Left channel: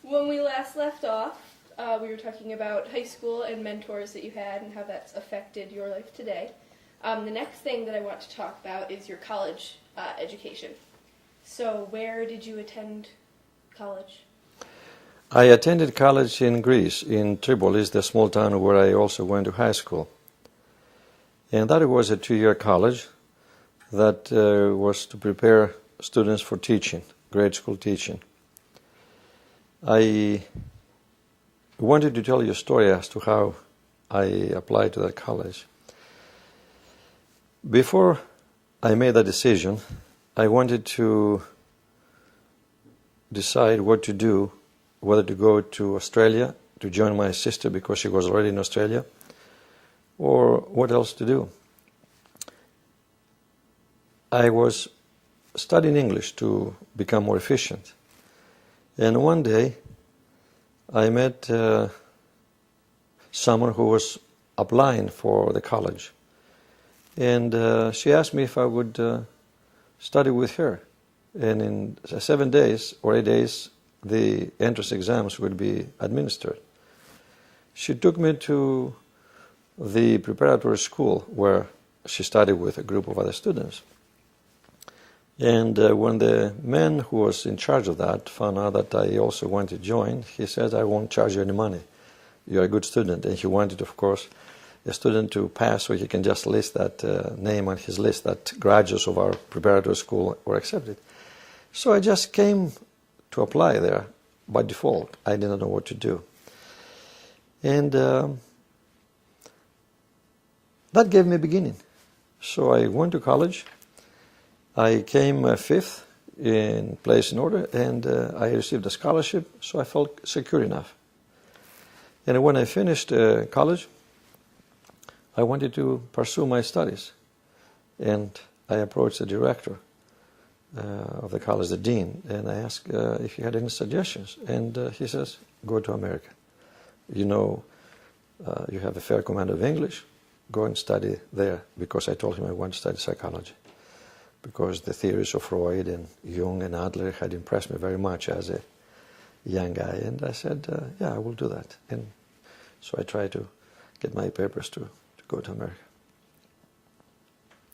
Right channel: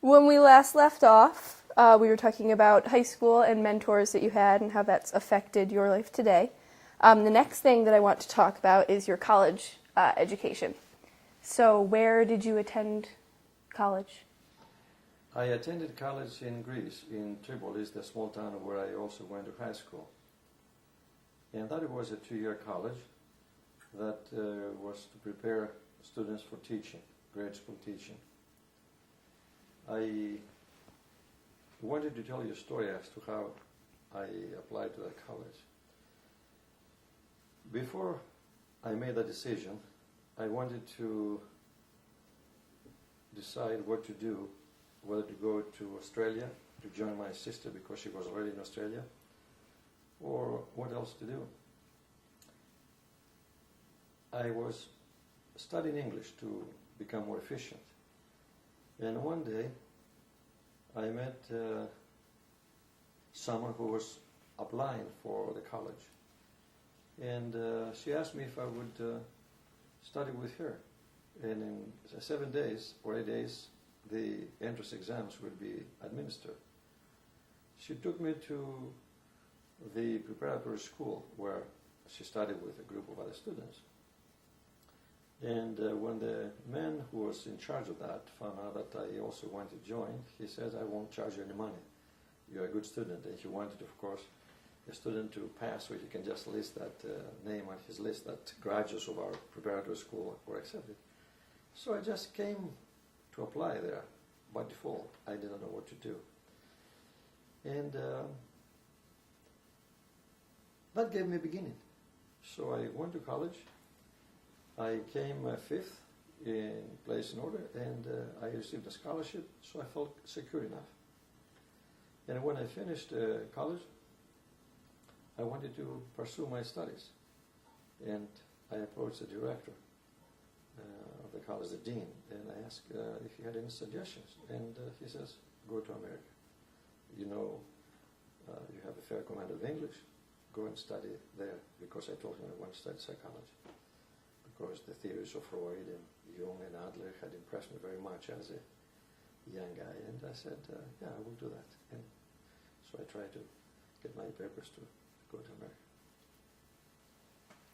When we last left off, we were talking about high school and mentors that you had and how that's affected your life today. The next thing that I want to talk about is your college education. So, where did you attend college? I attended college in Greece, in Tripolis, the small town where I also went to high school. And that was a 2-year college that was to prepare students for teaching, grade school teaching. I wanted to tell you a story as to how I applied to that college. Before I made that decision, I wanted to decide what to do, whether to go to Australia to join my sister because she was already in Australia, or what else to do. I was studying English to become more efficient. And one day, I met someone who was applying for the college. And she asked me if I would study with her. And in 7 days or 8 days, the entrance exams would be administered. She took me to the preparatory school where she studied with a group of other students. And when the man who was in charge of that found out that I also wanted to join, he said, I won't charge you any money. You're a good student. And he wanted, of course, a student to pass so he can just list that name on his list that graduates of our preparatory school were accepted. So I just came to apply there by default. I didn't know what to do. And that gave me a beginning. So I went to college. I came fifth in place in order, and I received a scholarship, so I felt secure enough. And when I finished college, I wanted to pursue my studies. And I approached the director of the college, the dean, and I asked if he had any suggestions. And he says, go to America. You know, you have a fair command of English. Go and study there, because I told him I want to study psychology, because the theories of Freud and Jung and Adler had impressed me very much as a young guy. And I said, yeah, I will do that. And so I tried to get my papers to go to America.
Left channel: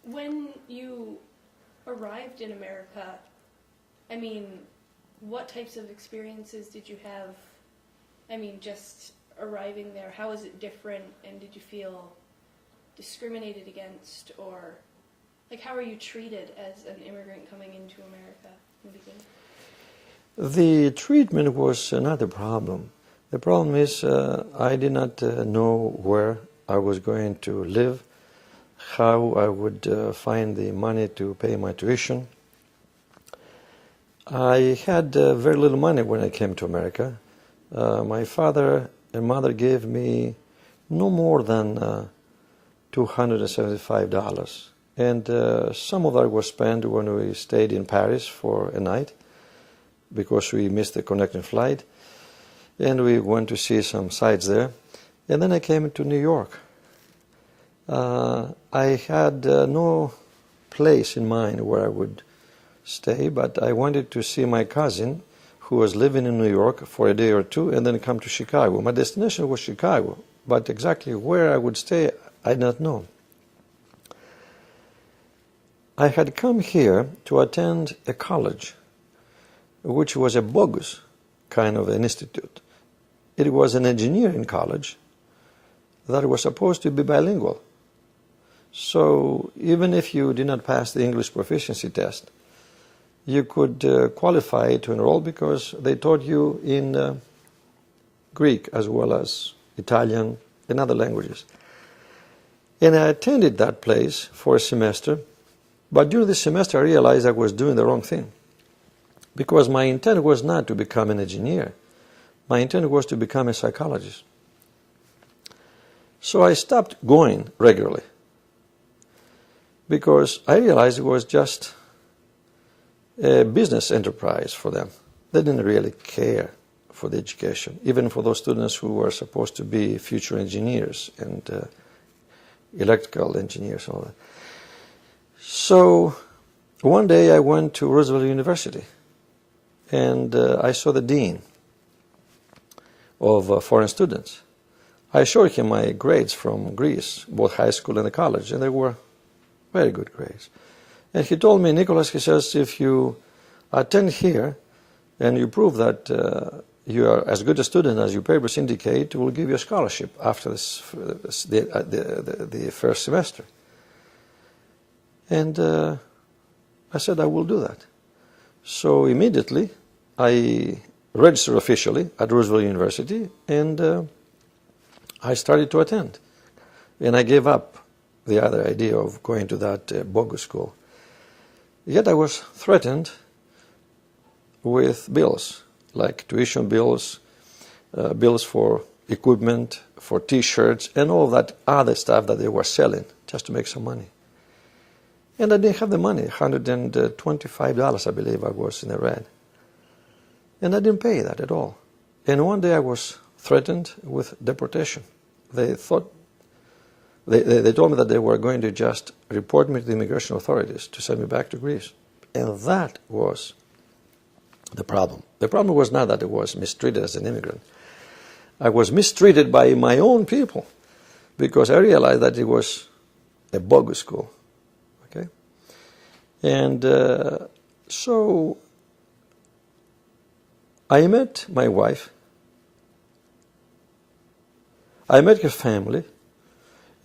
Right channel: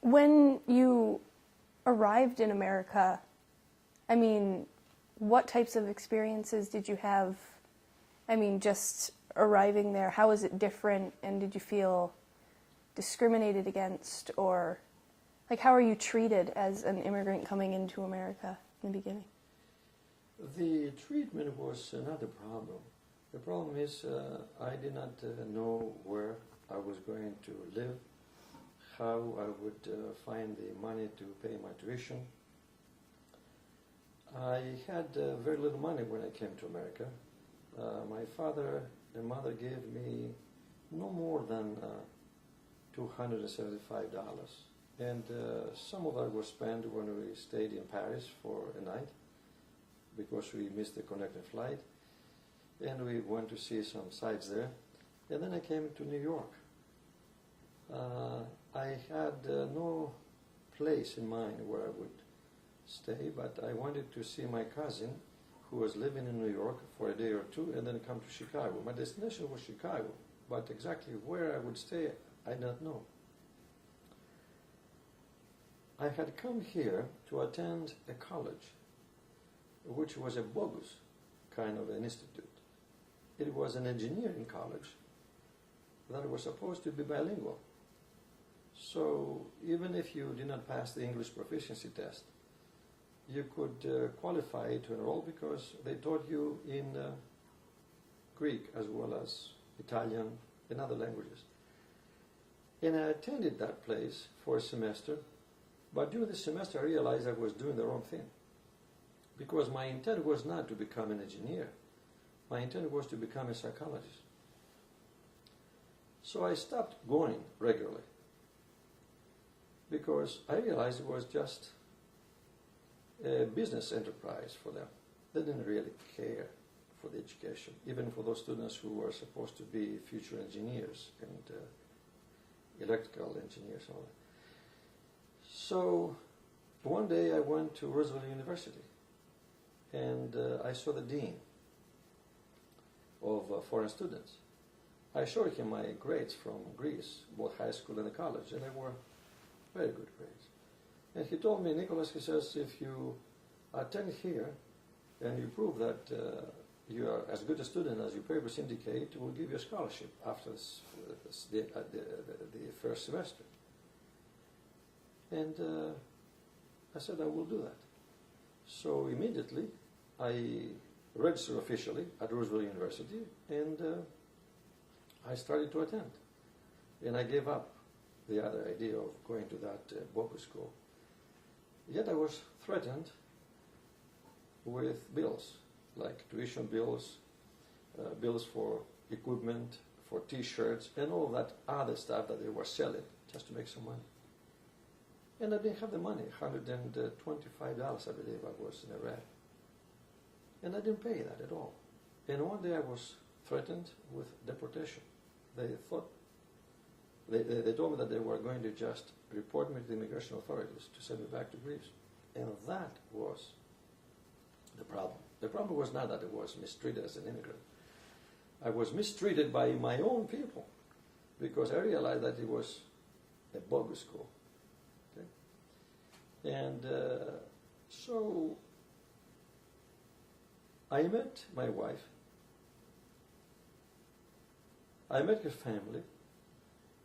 When you arrived in America, I mean, what types of experiences did you have? I mean, just arriving there, how was it different, and did you feel discriminated against, or like how are you treated as an immigrant coming into America in the beginning? The treatment was another problem. The problem is I did not know where I was going to live, how I would find the money to pay my tuition. I had very little money when I came to America. My father and mother gave me no more than $275. And some of that was spent when we stayed in Paris for a night, because we missed the connecting flight. And we went to see some sights there. And then I came to New York. I had no place in mind where I would stay, but I wanted to see my cousin who was living in New York for a day or two and then come to Chicago. My destination was Chicago, but exactly where I would stay, I did not know. I had come here to attend a college, which was a bogus kind of an institute. It was an engineering college that was supposed to be bilingual. So even if you did not pass the English proficiency test, you could qualify to enroll because they taught you in Greek as well as Italian and other languages. And I attended that place for a semester, but during the semester I realized I was doing the wrong thing, because my intent was not to become an engineer. My intent was to become a psychologist. So I stopped going regularly, because I realized it was just a business enterprise for them. They didn't really care for the education, even for those students who were supposed to be future engineers and electrical engineers and all that. So one day I went to Roosevelt University, and I saw the dean. of foreign students. I showed him my grades from Greece, both high school and the college, and they were very good grades. And he told me, Nicholas, he says, if you attend here and you prove that you are as good a student as your papers indicate, we'll give you a scholarship after the first semester. And I said, I will do that. So immediately I registered officially at Roosevelt University, and I started to attend. And I gave up the other idea of going to that bogus school. Yet I was threatened with bills, like tuition bills, bills for equipment, for T-shirts, and all that other stuff that they were selling just to make some money. And I didn't have the money, $125, I believe I was in the red. And I didn't pay that at all. And one day I was threatened with deportation. They thought, they told me that they were going to just report me to the immigration authorities to send me back to Greece. And that was the problem. The problem was not that I was mistreated as an immigrant. I was mistreated by my own people because I realized that it was a bogus school. Okay? And so I met my wife. I met her family.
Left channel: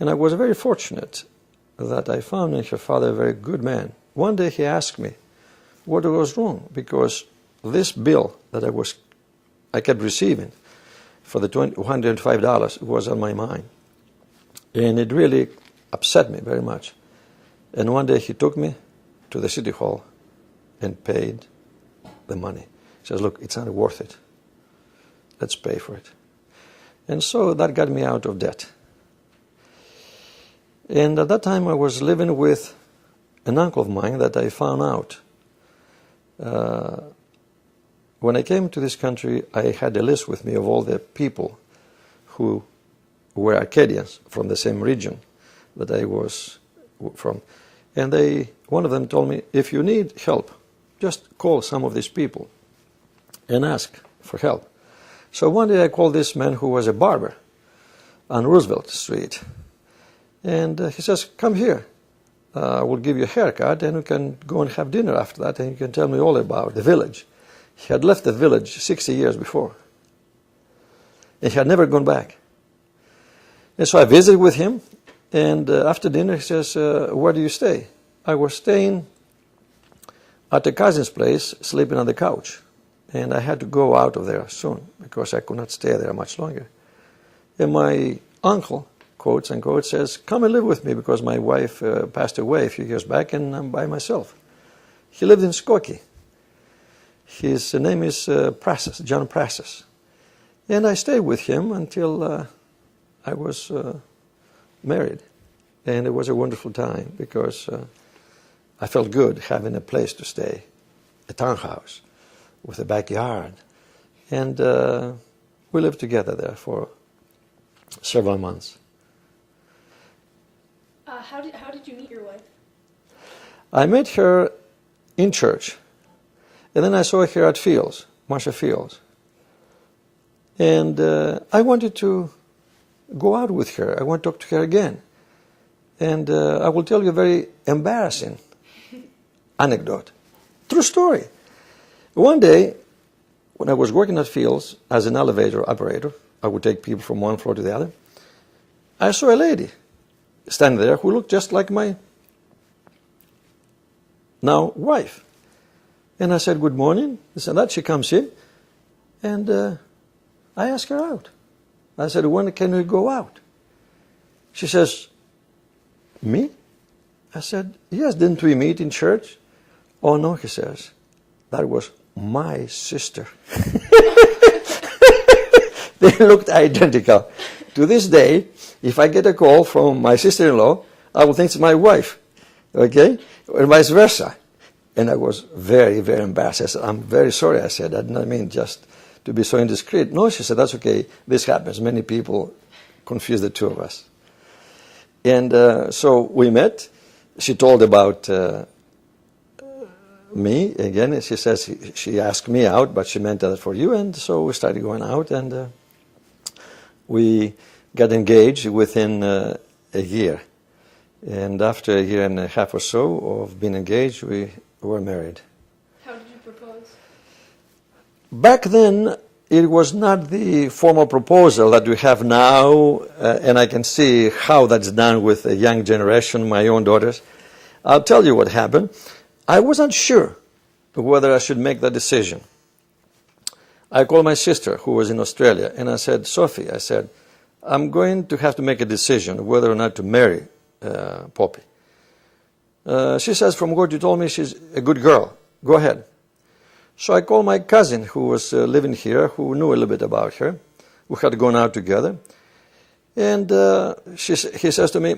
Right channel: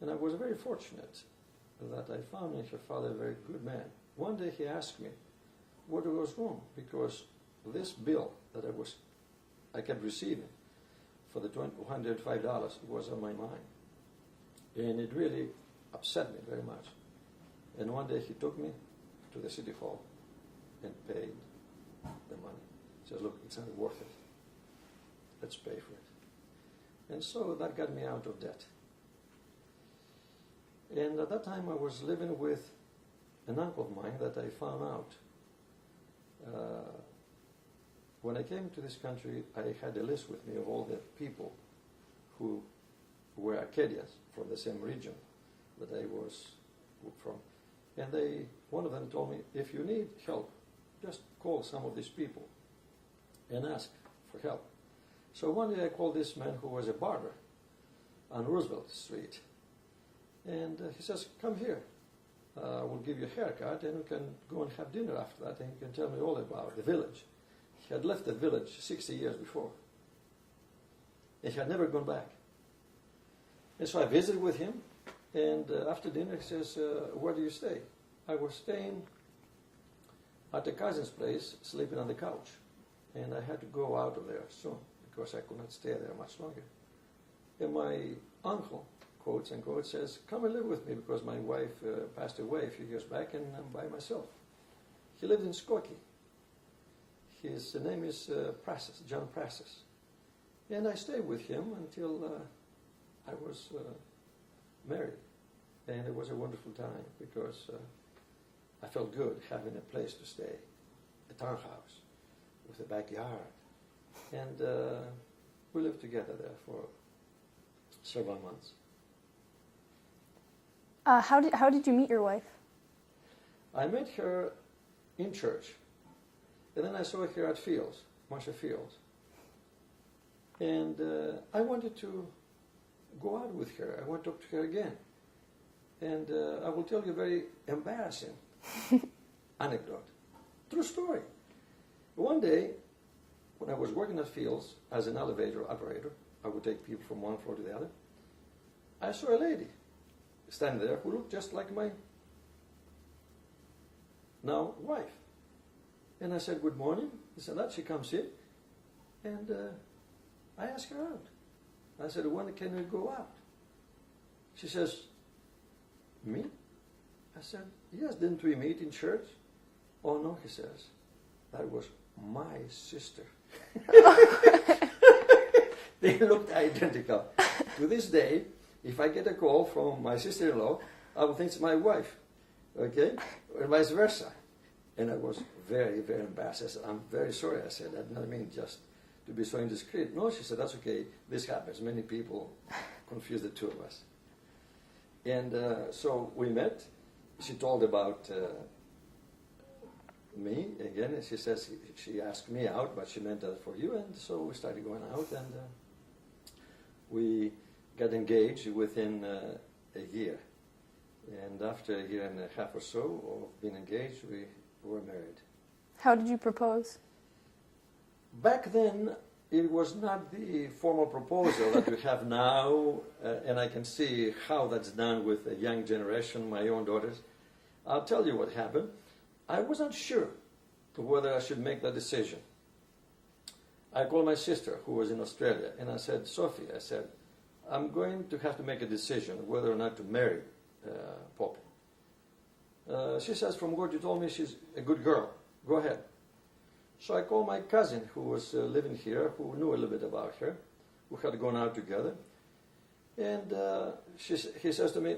And I was very fortunate that I found in her father a very good man. One day he asked me what was wrong, because this bill that I kept receiving for the $105 was on my mind. And it really upset me very much. And one day he took me to the city hall and paid the money. He says, look, it's not worth it. Let's pay for it. And so that got me out of debt. And at that time I was living with an uncle of mine that I found out. When I came to this country, I had a list with me of all the people who were Acadians from the same region that I was from. And one of them told me, if you need help, just call some of these people and ask for help. So one day I called this man who was a barber on Roosevelt Street. And he says, come here, we'll give you a haircut and we can go and have dinner after that and you can tell me all about the village. He had left the village 60 years before. And he had never gone back. And so I visited with him, and after dinner he says, where do you stay? I was staying at a cousin's place, sleeping on the couch. And I had to go out of there soon because I could not stay there much longer. And my uncle, quotes unquote, says, come and live with me because my wife passed away a few years back and I'm by myself. He lived in Skokie. His name is Prasas, John Prasas. And I stayed with him until I was married. And it was a wonderful time because I felt good having a place to stay, a townhouse with a backyard. And we lived together there for several months. How did you meet your wife? I met her in church, and then I saw her at Fields, Marcia Fields. And I wanted to go out with her. I want to talk to her again. And I will tell you a very embarrassing anecdote. True story. One day, when I was working at Fields as an elevator operator, I would take people from one floor to the other, I saw a lady standing there who looked just like my now wife. And I said, good morning. This and that. She comes in, and I asked her out. I said, when can we go out? She says, me? I said, yes, didn't we meet in church? Oh, no, he says, that was my sister. They looked identical. To this day, if I get a call from my sister-in-law, I will think it's my wife, okay? Or vice versa. And I was very, very embarrassed. I said, I'm very sorry, I said. I did not mean just to be so indiscreet. No, she said, that's okay. This happens. Many people confuse the two of us. And so we met. She told about me again. She says she asked me out, but she meant that for you. And so we started going out, and We got engaged within a year. And after a year and a half or so of being engaged, we were married. How did you propose? Back then, it was not the formal proposal that we have now, and I can see how that's done with a young generation, my own daughters. I'll tell you what happened. I wasn't sure whether I should make that decision. I called my sister, who was in Australia, and I said, Sophie, I said, I'm going to have to make a decision whether or not to marry Poppy. She says, from what you told me, she's a good girl. Go ahead. So I called my cousin who was living here, who knew a little bit about her. We had gone out together. And he says to me,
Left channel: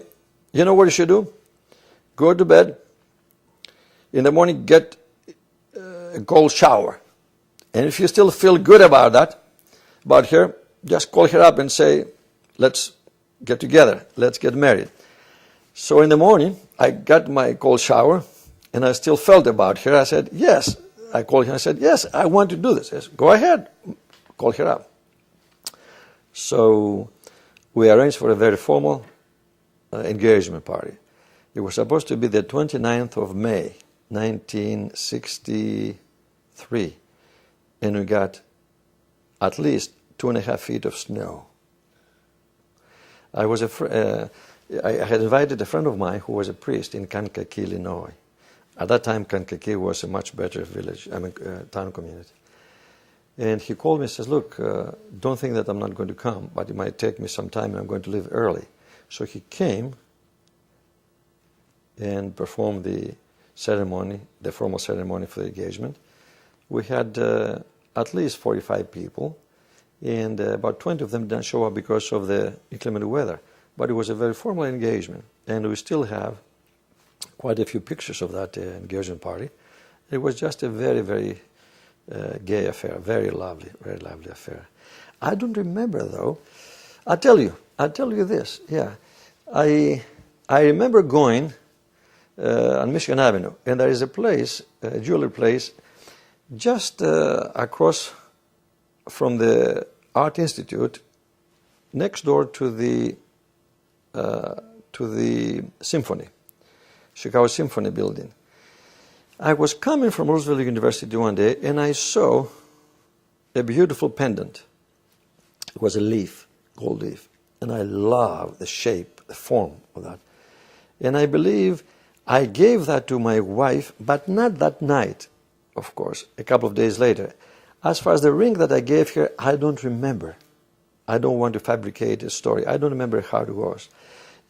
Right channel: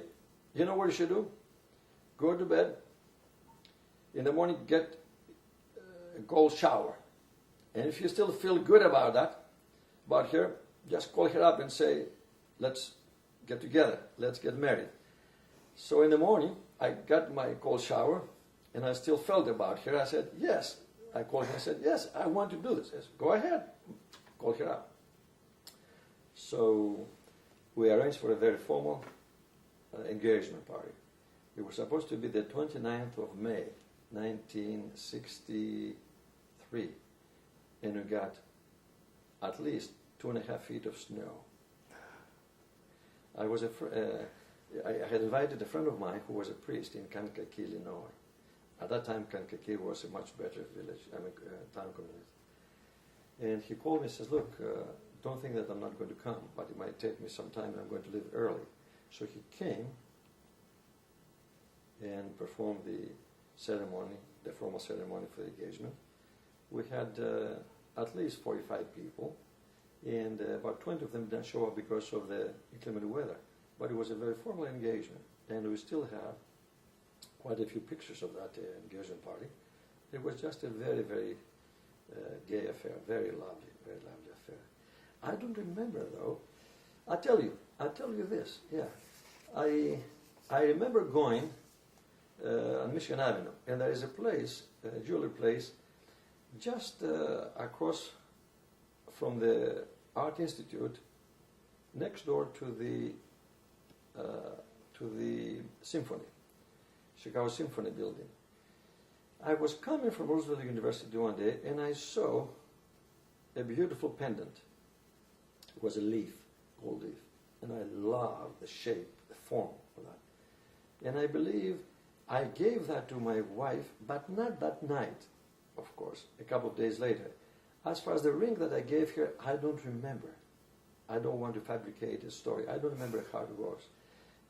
you know what you should do? Go to bed. In the morning, get a cold shower. And if you still feel good about that, about her, just call her up and say, let's get together. Let's get married. So in the morning, I got my cold shower, and I still felt about her. I said, yes. I called her and I said, yes, I want to do this. I said, go ahead. Call her up. So we arranged for a very formal engagement party. It was supposed to be the 29th of May, 1963. And we got at least 2.5 feet of snow. I had invited a friend of mine who was a priest in Kankakee, Illinois. At that time, Kankakee was a much better town community. And he called me and says, look, don't think that I'm not going to come, but it might take me some time and I'm going to leave early. So he came and performed the ceremony, the formal ceremony for the engagement. We had at least 45 people, and about 20 of them didn't show up because of the inclement weather. But it was a very formal engagement, and we still have quite a few pictures of that engagement party. It was just a very, very gay affair, very lovely affair. I don't remember though. I'll tell you this. Yeah, I remember going on Michigan Avenue, and there is a place, a jewelry place, just across from the Art Institute, next door to the Symphony. Chicago Symphony building. I was coming from Roosevelt University one day and I saw a beautiful pendant. It was a leaf, gold leaf, and I loved the shape, the form of that. And I believe I gave that to my wife, but not that night, of course, a couple of days later. As far as the ring that I gave her, I don't remember. I don't want to fabricate a story. I don't remember how it was.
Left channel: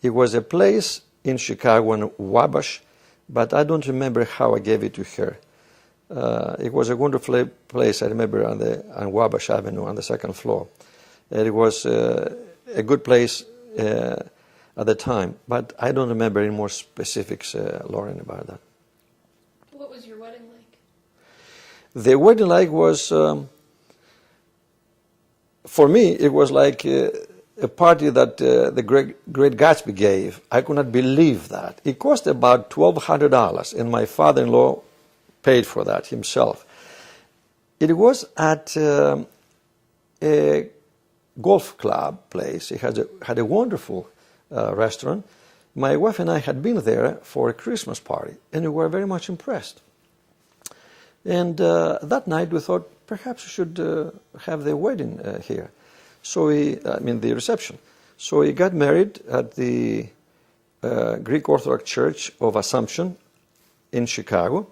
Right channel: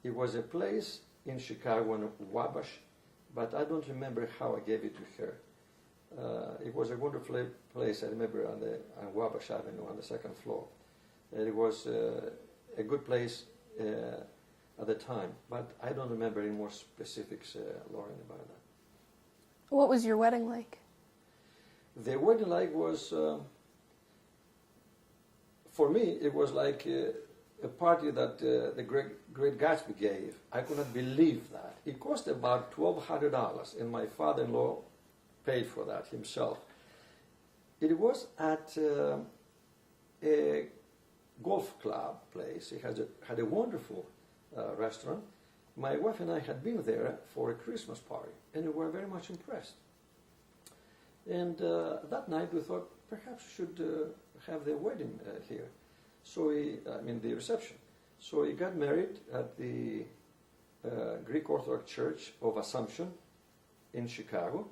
It was a place in Chicago, in Wabash, but I don't remember how I gave it to her. It was a wonderful place, I remember, on Wabash Avenue on the second floor. And it was a good place at the time, but I don't remember any more specifics, Lauren, about that. What was your wedding like? The wedding was, for me, it was like a party that the Great Gatsby gave. I could not believe that. It cost about $1,200, and my father-in-law paid for that himself. It was at a golf club place. It had a wonderful restaurant. My wife and I had been there for a Christmas party, and we were very much impressed. And that night we thought, perhaps we should have the wedding here. So the reception. So we got married at the Greek Orthodox Church of Assumption in Chicago,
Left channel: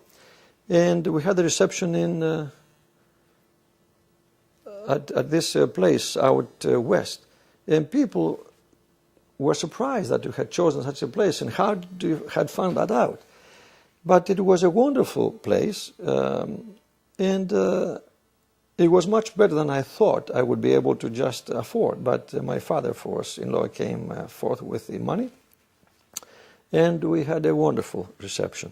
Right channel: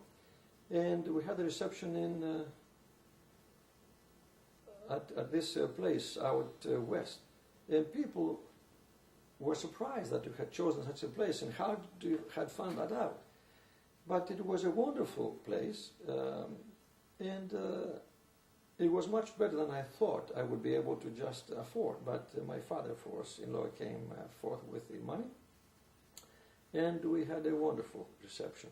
and we had the reception at this place out west. And people were surprised that we had chosen such a place, and how you had found that out. But it was a wonderful place, and it was much better than I thought I would be able to just afford. But my father-in-law came forth with the money, and we had a wonderful reception,